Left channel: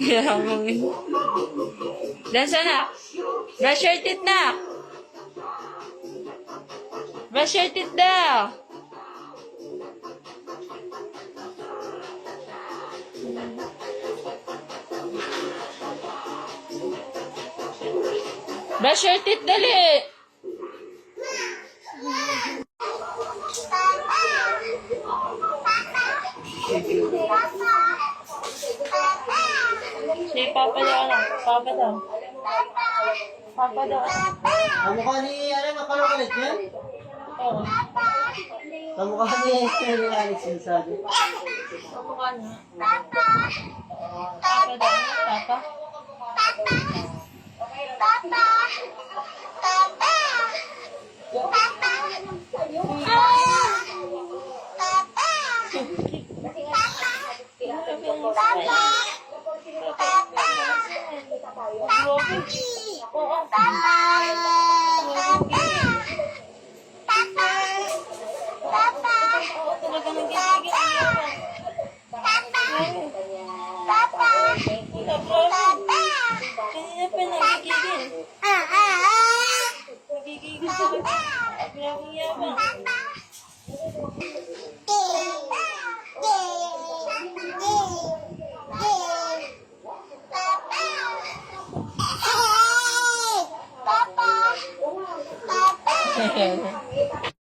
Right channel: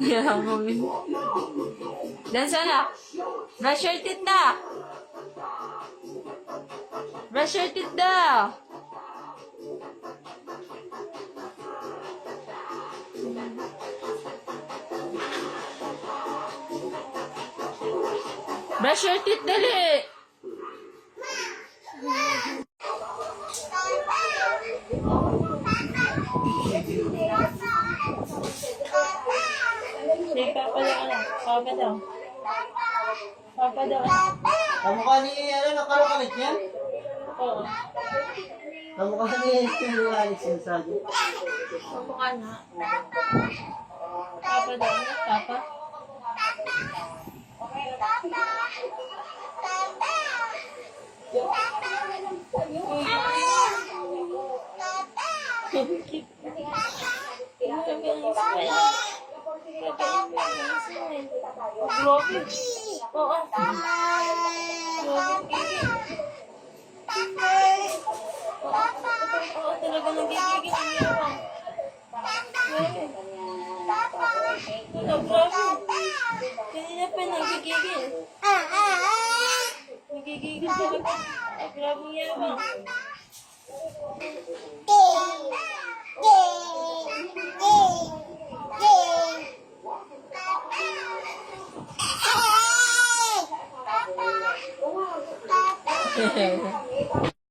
Yabang yun. Dance na. Brush your teeth na. Brush your teeth daw. Brush your teeth, dali. Si Papa daw, ano? Papa daw. Papa daw, ano? Kamukha ni, nakalokalit niya? Oo. Kamukha ni Alex yung sabi. Kamukha na. Papa daw, ano? Papa? Oo. Oo, talaga nagigigil niya. Kanina pa nagigigil. Nagigigil talaga. Grabe yabang. Papa!